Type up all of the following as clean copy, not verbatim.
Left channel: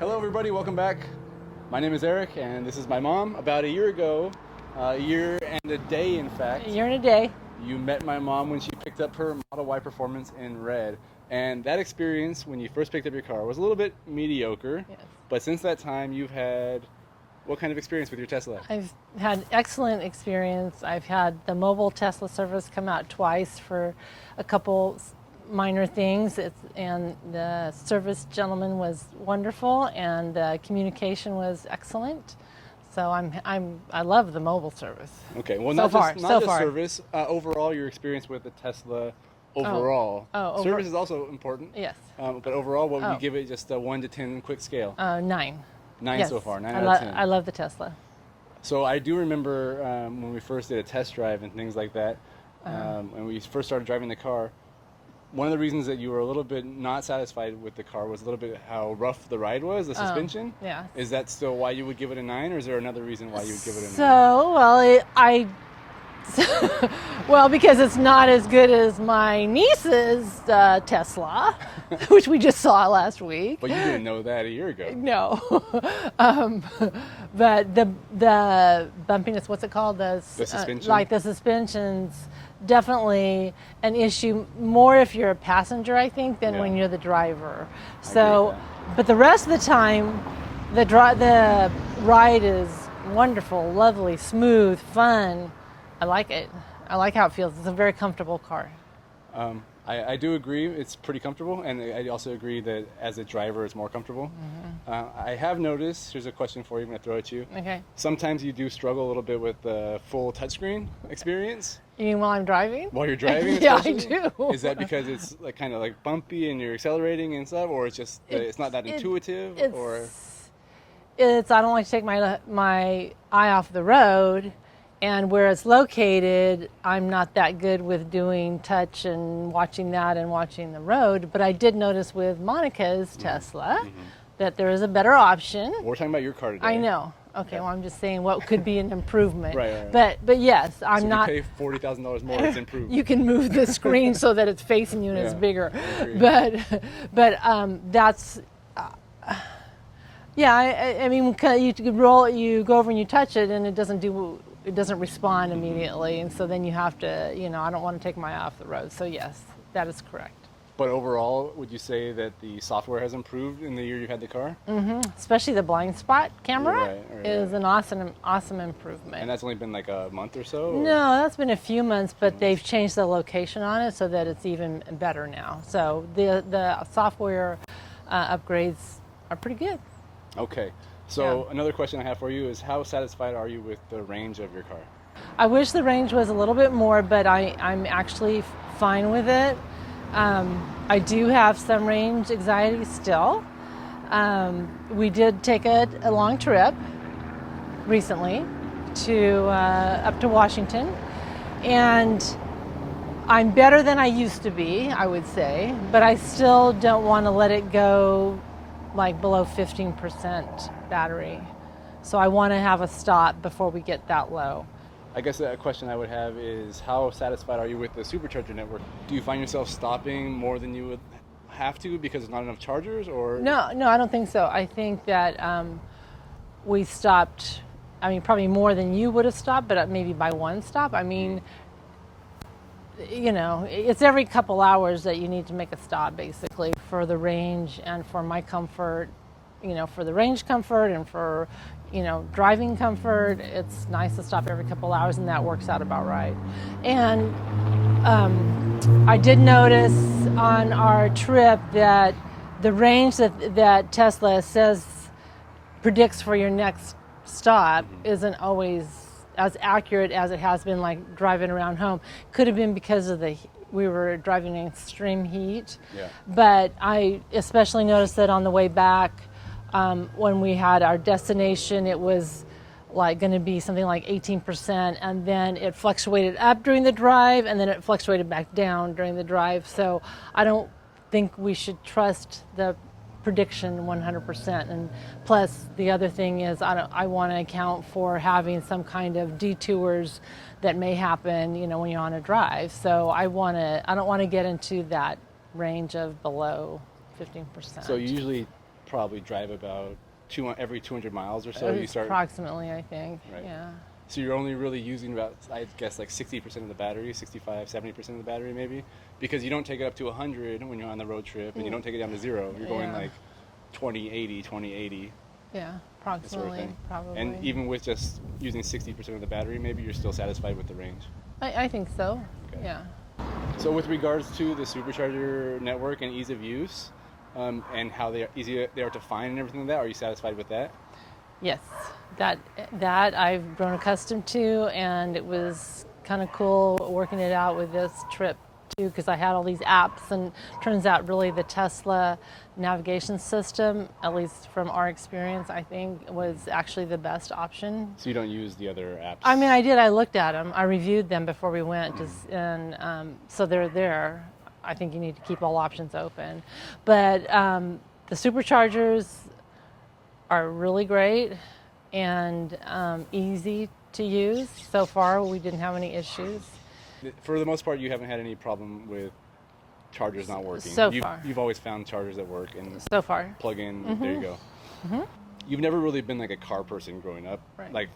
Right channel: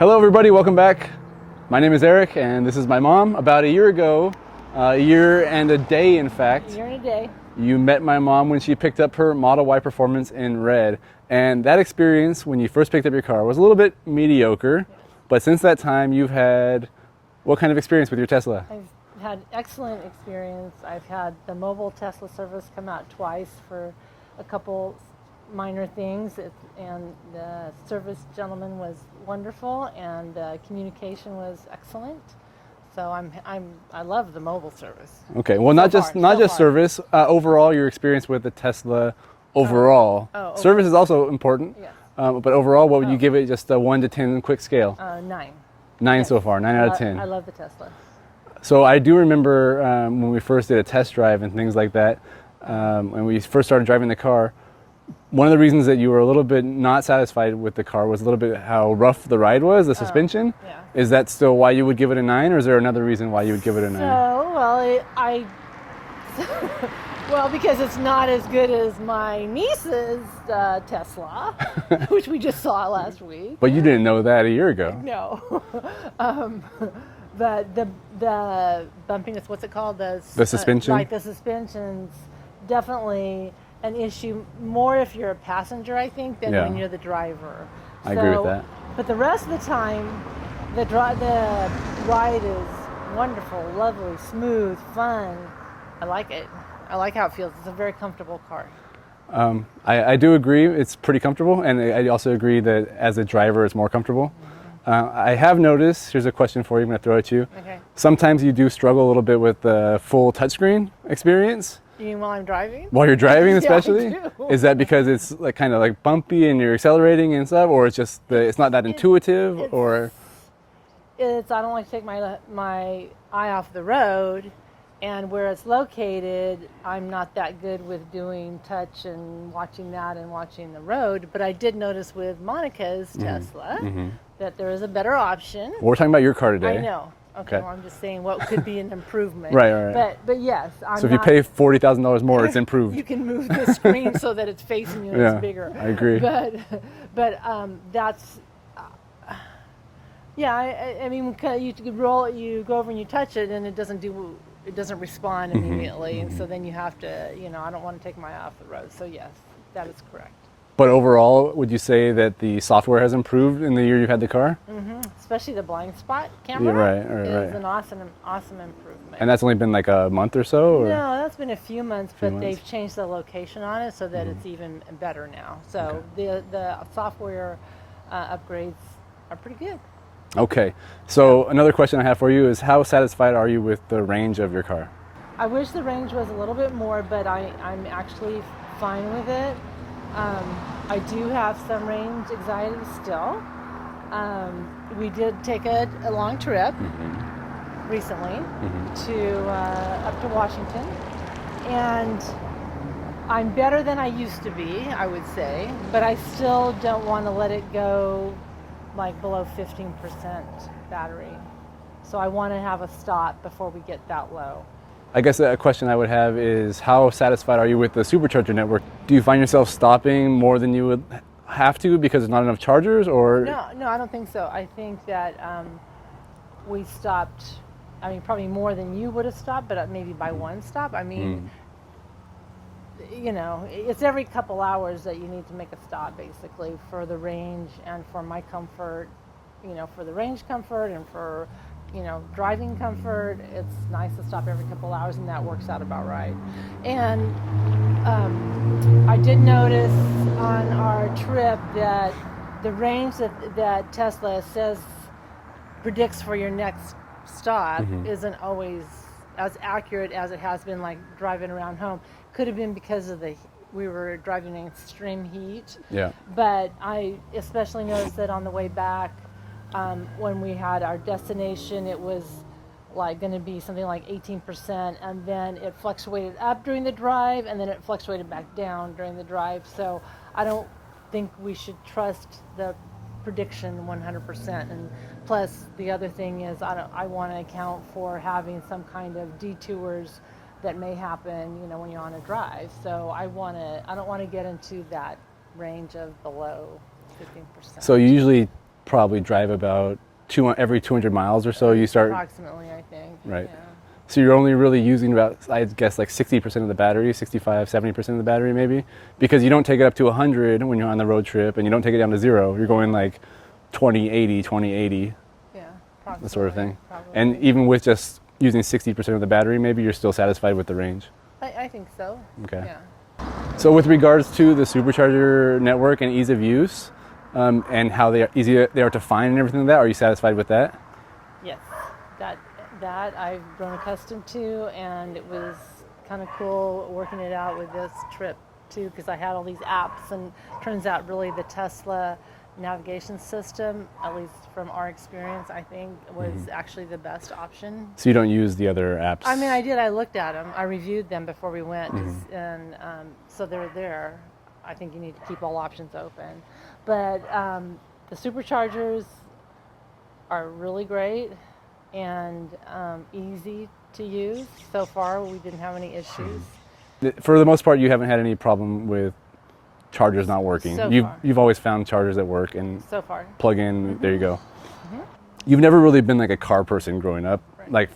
Hello everybody, welcome back. My name is Eric and this is my mom. About a year ago, a year and a day in fact. A year and a day. You met my mom when she picked up her Model Y Performance in red. And that experience when you first picked up your car was a little bit mediocre. But since that time you've had what kind of experience with your Tesla? I've had excellent experience. I've had the mobile Tesla service come out twice for a couple minor things, and the service gentleman was wonderful, and the communication was excellent. So I love the mobile service. Okay, well, not just service. Overall, your experience with the Tesla overall. Service is also important. Yes. But overall, what would you give it? Just a 1 to 10 quick scale. 9. 9 Yes. so far. 9 out of 10. I love the Tesla. So I do remember when we first did a test drive and things like that, when we first started driving the car. One of the reasons that you were a little bit not satisfied with the car was a little bit how rough the ride was, the suspension. Yeah. Is that still why you would give it a 9, or is there another reason why you would give it a 9? Well, because it's not as good as my niece's Tesla, which we just saw last week. But you didn't know that a year ago. No. But the bumpiness, what's it called? The suspension? Like the suspension's definitely an issue more if you're a passenger, I think, than when you're the driver. I agree with that. But the rest of the time, the ride is wonderful, lovely, smooth, fun. I like it. I like how it feels. It's a very comfortable car. I do agree. It's pretty comfortable, and I also agree that as a driver, it's more comfortable. I have noticed, here's a question for you, I'm going to throw at you. Okay. Sometimes you do struggle a little bit with the full touchscreen experience. You mean while I'm driving? While you're driving, especially? Yeah, I do. Is that because it's like kind of like bumpy and you're accelerating and stuff, or it's just it's not that intuitive, or? I don't like to take my eye off the road, and where it's located, I'm not that good with doing touch and watching that and watching the road. But I did notice with Monica's Tesla that there is a better option. We're talking about your car today. I know. Okay. Well, I'm just saying what could be an improvement. Right. But yes, So if you pay $40,000 more, it's improved. You can move the screen so that it's facing you and it's bigger. I agree. But that's. I mean, you go over and you touch it, and it doesn't respond immediately, and so then you have to, I don't want to take my eye off the road. So yes, that is correct. But overall, would you say that the software has improved in the year you've had the car? Especially the blind spot camera is an awesome improvement. And that's only been like a month or so? Or? No, that's been a few months, but they've changed the location on it so that it's even better now. So the software upgrades are pretty good. Okay, so another question I have for you is how satisfied are you with the range of your car? I wish the range was a little bit more, but I'm actually fine with it. I do have some range anxiety still. We did take a long trip recently up to Washington, and I'm better than I used to be, I would say, but I still don't want to let it go like below 15% battery. So I want to have a stop before we get that low. I guess a question I would have is how satisfied are you with the supercharger network? Do you find yourself stopping more than you would have to because there's not enough chargers, or? No, I don't think so. I think that we stopped, probably more than you would have stopped, but maybe by one stop. It's every couple hours that you need to make a stop, basically, for the range and for my comfort, for the range comfort and for, driving comfort. It's nice to stop every couple hours, and that works out about right. And I did notice on our trip that the range that Tesla predicts for your next stop isn't always as accurate as it has been, like driving around home. Could have been because of we were driving in extreme heat. Yeah. But I especially noticed that on the way back, when we had our destination, it was like going to be something like 18%, and then it fluctuated up during the drive, and then it fluctuated back down during the drive. So I don't think we should trust the prediction 100%. And plus, the other thing is I want to account for having some kind of detours that may happen, when you're on a drive. So I don't want to get into that range of below 15%. So you usually probably drive about every 200 miles or so. You start approximately, I think. Right. Yeah. So you're only really using about, I guess, like 60% of the battery, 65, 70% of the battery maybe, because you don't take it up to 100 when you're on the road trip, and you don't take it down to 0. You're going like 20-80, 20-80, Yeah, approximately. that sort of thing. Probably. And even with just using 60% of the battery, maybe you're still satisfied with the range. I think so. Okay. Yeah. So with regards to the supercharger network and ease of use, and how easy they are to find and everything like that, are you satisfied with that? Yes, that I've grown accustomed to, and it was kind of cool working it out with this trip too, because I had all these apps, and turns out really the Tesla navigation system, at least from our experience, I think was actually the best option. So you don't use the other apps? I mean, I did. I looked at them. I reviewed them before we went, and so they're there. I think you need to keep all options open, but the superchargers are really great and easy to use. So far, we didn't have any issues. For the most part, you haven't had any problem with chargers not working. So far. You've always found chargers that work and So far. plug in. There you go. You've never really been like a car person growing up. Right. Like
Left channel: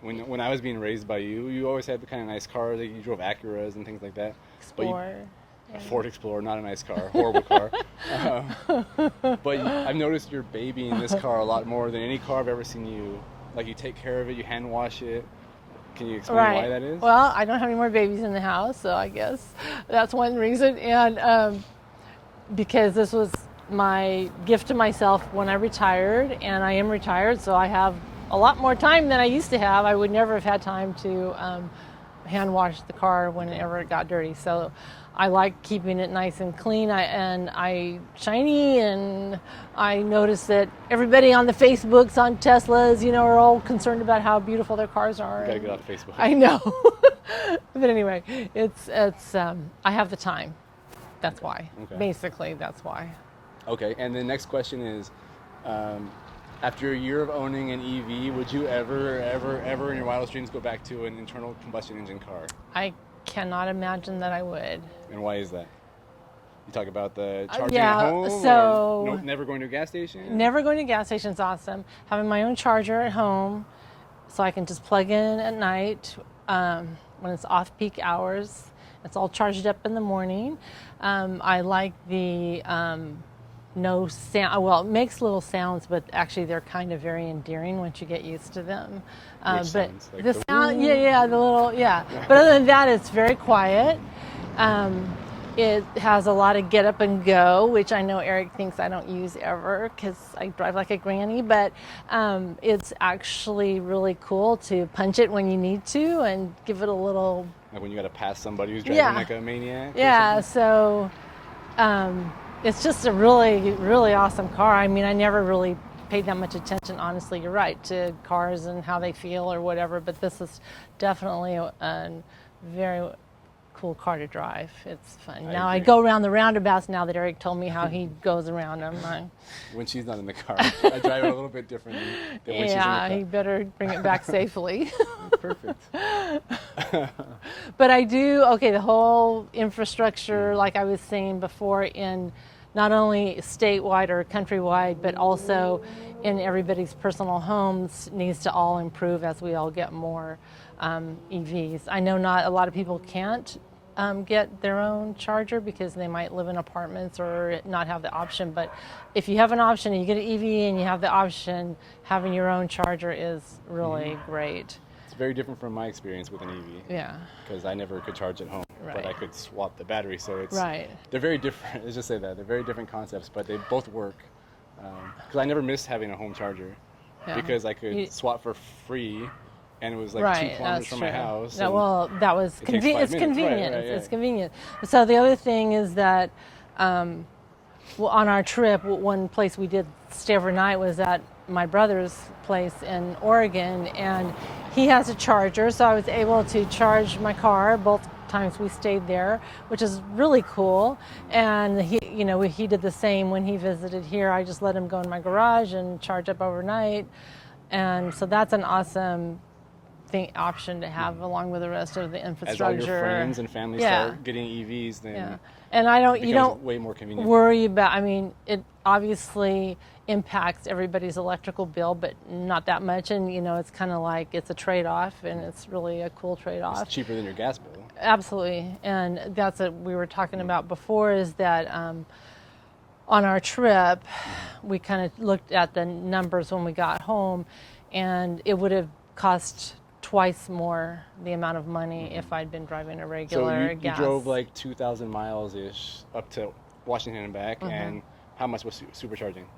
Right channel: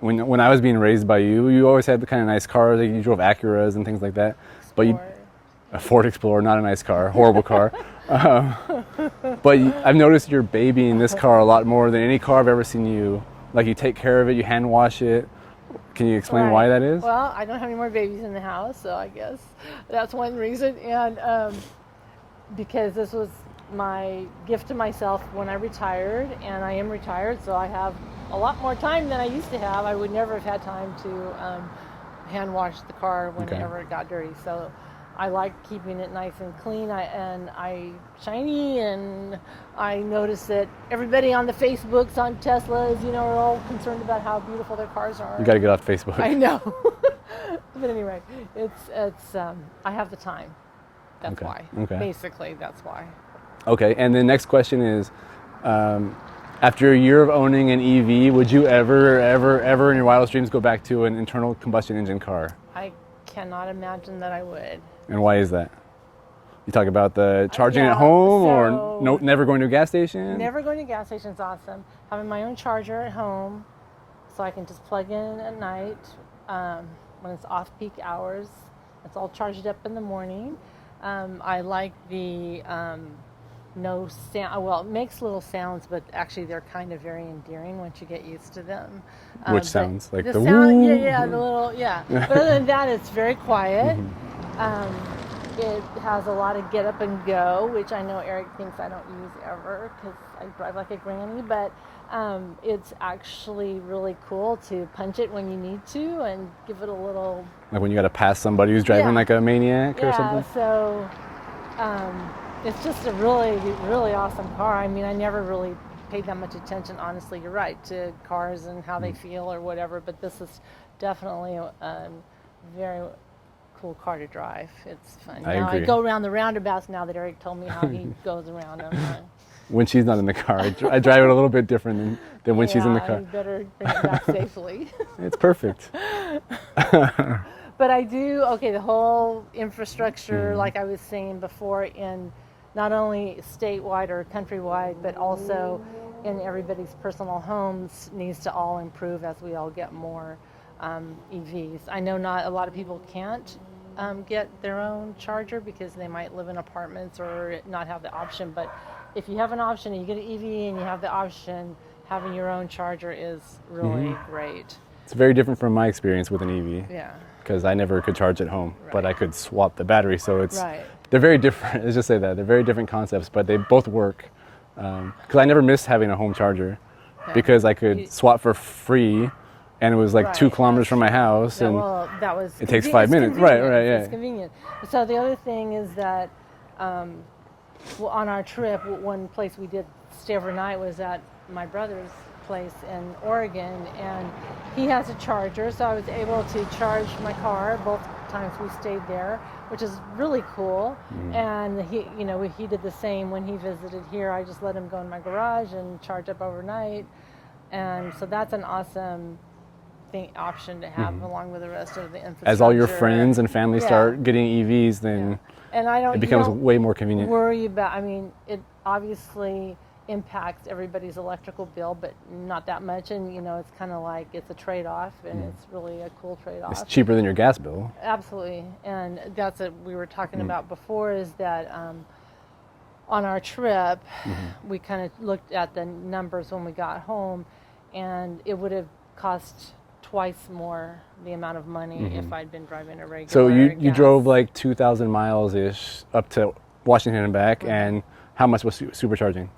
when I was being raised by you, you always had the kind of nice cars. Like you drove Acuras and things like that. But Or- a Ford Explorer, not a nice car, horrible car. But I've noticed you're babying this car a lot more than any car I've ever seen you. Like you take care of it, you hand wash it. Can you explain why that is? Well, I don't have any more babies in the house, so I guess that's one reason. And because this was my gift to myself when I retired, and I am retired, so I have a lot more time than I used to have. I would never have had time to hand wash the car whenever it got dirty. So I like keeping it nice and clean and shiny, and I notice that everybody on the Facebooks on Teslas, are all concerned about how beautiful their cars are. You got to get off Facebook. I know. But anyway, it's I have the time. That's why. Okay. Basically, that's why. Okay, and the next question is, after a year of owning an EV, would you ever in your wildest dreams go back to an internal combustion engine car? I cannot imagine that I would. And why is that? You talk about the charging yeah, at home, so- or never going to a gas station? Never going to a gas station is awesome. Having my own charger at home, so I can just plug in at night when it's off-peak hours. It's all charged up in the morning. I like the no sound. Well, it makes little sounds, but actually they're kind of very endearing once you get used to them. Which but sounds? Like the sound, woo? yeah, the little, yeah. But other than that, it's very quiet. It has a lot of get up and go, which I know Eric thinks I don't use ever because I drive like a granny, but it's actually really cool to punch it when you need to and give it a little... Like when you got to pass somebody who's driving like a maniac or Yeah, something? so it's just a really, really awesome car. I mean, I never really paid that much attention, honestly, you're right, to cars and how they feel or whatever, but this is definitely a very cool car to drive. It's fun. I Now I agree. go around the roundabouts now that Eric told me how he goes around. I'm like, When she's not in the car. I drive it a little bit different than when she's in the yeah, car. you better bring it back safely. It's perfect. But I do, the whole infrastructure, like I was saying before, in not only statewide or countrywide, but also in everybody's personal homes needs to all improve as we all get more EVs. I know not a lot of people can't get their own charger because they might live in apartments or not have the option, but if you have an option and you get an EV and you have the option, having your own charger is really great. It's very different from my experience with an EV. Yeah. Because I never could charge at home, but Right. I could swap the battery. So it's Right. they're very different. Let's just say that they're very different concepts, but they both work. Because I never missed having a home charger, because I could swap for free, and it was like 2 kilometers that's from my true. house. No, and well, that was it takes 5 it's minutes. Right, convenient. right, yeah. It's convenient. So the other thing is that on our trip, one place we did stay overnight was at my brother's place in Oregon, and he has a charger, so I was able to charge my car both times we stayed there, which is really cool. And he did the same when he visited here. I just let him go in my garage and charge up overnight, and so that's an awesome option to have along with the rest of the infrastructure. As all your friends and family Yeah. start getting EVs, then And I don't, it you becomes don't way more convenient. worry about, it obviously impacts everybody's electrical bill, but not that much. And you know, it's kind of like it's a trade-off, and it's really a cool trade-off. It's cheaper than your gas bill. Absolutely, and that's what we were talking about before. Is that on our trip, we kind of looked at the numbers when we got home, and it would have cost twice more the amount of money if I'd been driving a regular. So you gas. drove like 2,000 miles ish up to Washington and back, and how much was supercharging?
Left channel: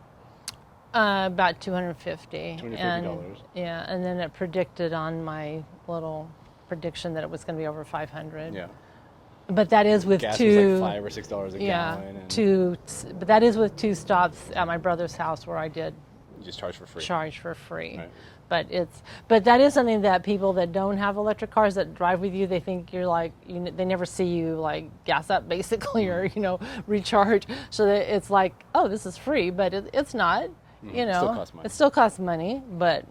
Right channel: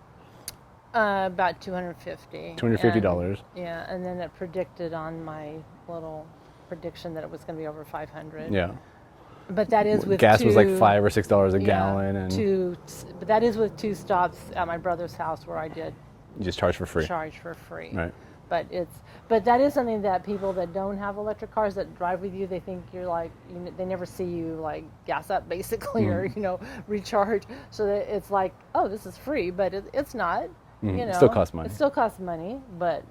About $250. $250. Yeah, and then it predicted on my little prediction that it was going to be over 500. Yeah. But that is with gas two, was like $5 or $6 a gallon, and but that is with 2 stops at my brother's house where I did you just charge for free. charge for free. Right. But that is something that people that don't have electric cars that drive with you, they think you're like, they never see you like gas up basically or recharge. So that it's like, oh, this is free, but it's not. It still costs money. It still costs money, but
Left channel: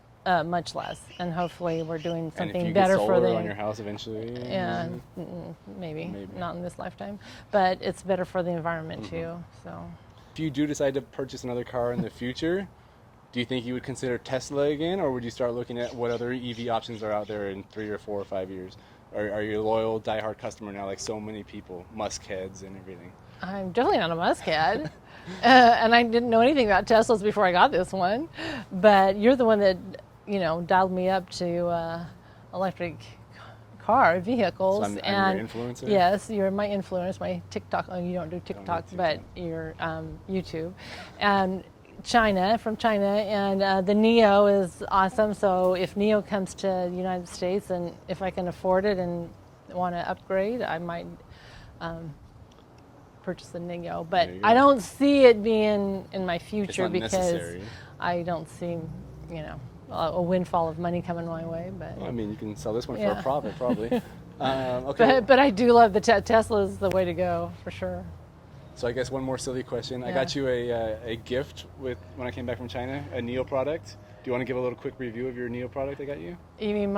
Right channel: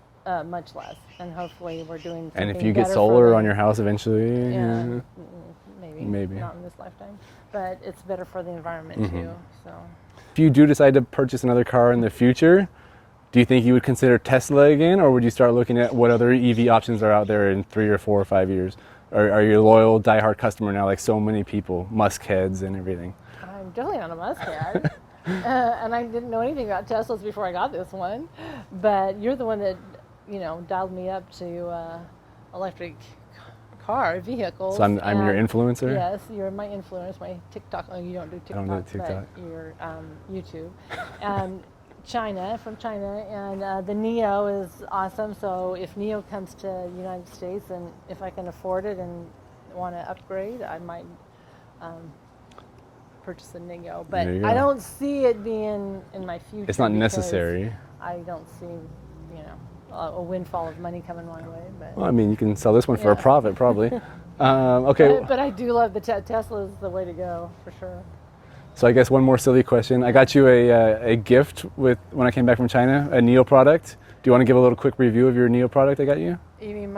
much less. And hopefully we're doing something And if you better get for solar them. on your house eventually, Yeah, maybe Maybe. not in this lifetime, but it's better for the environment too. So. if you do decide to purchase another car in the future, do you think you would consider Tesla again, or would you start looking at what other EV options are out there in 3 or 4 or 5 years? Are you a loyal, diehard customer now, like so many people, Musk heads and everything? I'm definitely not a Musk head. And I didn't know anything about Teslas before I got this one. But you're the one that, dialed me up to electric vehicles. So I'm your influencer? Yes, you're my influence, my TikTok. Oh, you don't do TikTok, don't do but TikTok. you're YouTube. And from China, and the NIO is awesome. So if NIO comes to the United States, and if I can afford it and want to upgrade, I might purchase a NIO. But There you go. I don't see it being in my future. It's not because necessary. I don't see, a windfall of money coming my way. But Well, I mean, you can sell this one for a Yeah. profit, probably. Okay, but I do love the Tesla is the way to go for sure. so I guess one more silly question. I got you a gift when I came back from China, a NIO product. Do you want to give a little quick review of your NIO product I got you? You mean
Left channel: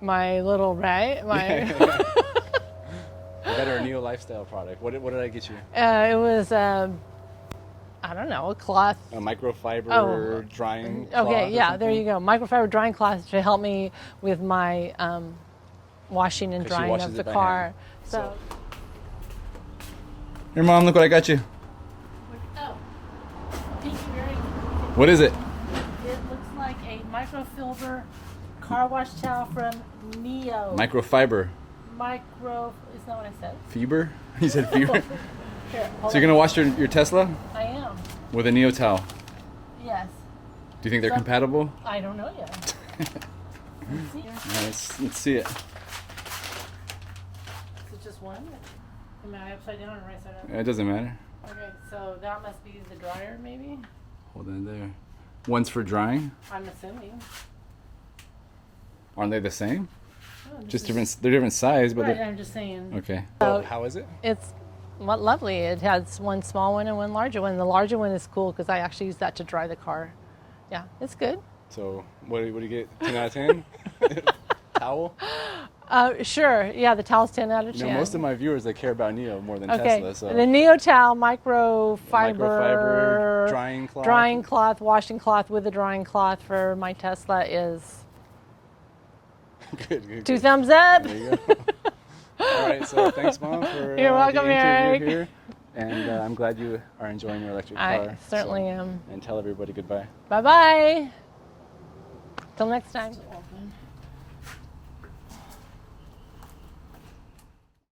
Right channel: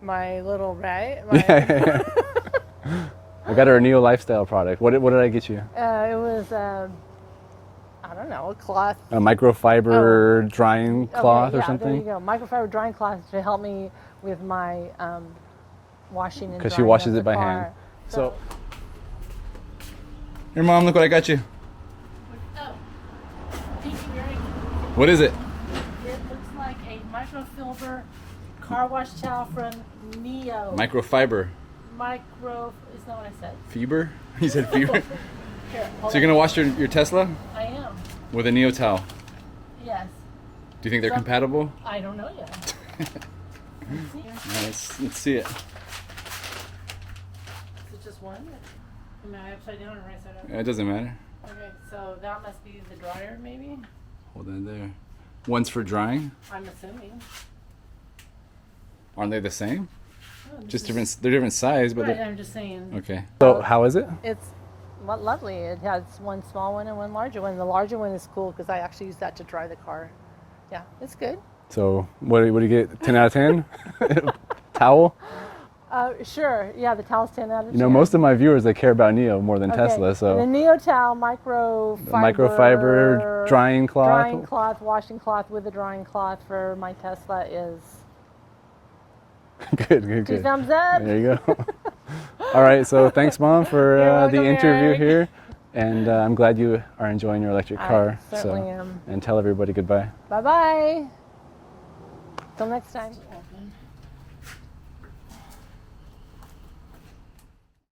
my little right? I got her a NIO Lifestyle product. What did I get you? It was I don't know, a cloth. A microfiber drying cloth Okay, or yeah, something? there you go. Microfiber drying cloth to help me with my washing and drying. Because she washes of the it by car. hand. So, here, Mom, look what I got you. Oh, thank you very much. What is it? It looks like a microfiber car wash towel from NIO. Microfiber. It's not what I said. Fiber? You said fiber? Here, So you're going to wash your Tesla I am. with a NIO towel. Yes. Do you think they're compatible? I don't know yet. Let's see. All right, let's see it. Is it just one? Am I upside down or right side up? It doesn't matter. Okay, so that must be the dryer, maybe? Hold it there. One's for drying. I'm assuming. Aren't they the same? Oh, this Just is- different. They're different size, but Right, they're I'm just saying. okay. So how is it? It's lovely. It has one small one and one larger one. The larger one is cool because I actually use that to dry the car. Yeah, it's good. So what do you get? 10 out of 10? Towel? Sure. Yeah, the towel's 10 out of 10. You know, most of my viewers, they care about NIO more than Tesla. So The NIO Towel microfiber drying cloth. drying cloth, washing cloth with a drying cloth for my Tesla is Good. 2 thumbs up. There you go. All right, so thanks, Mom, for You're the welcome, interview Eric. here. And I'm glad you are enjoying your electric car. I certainly am. And tell everybody goodbye. Bye-bye. Till next time.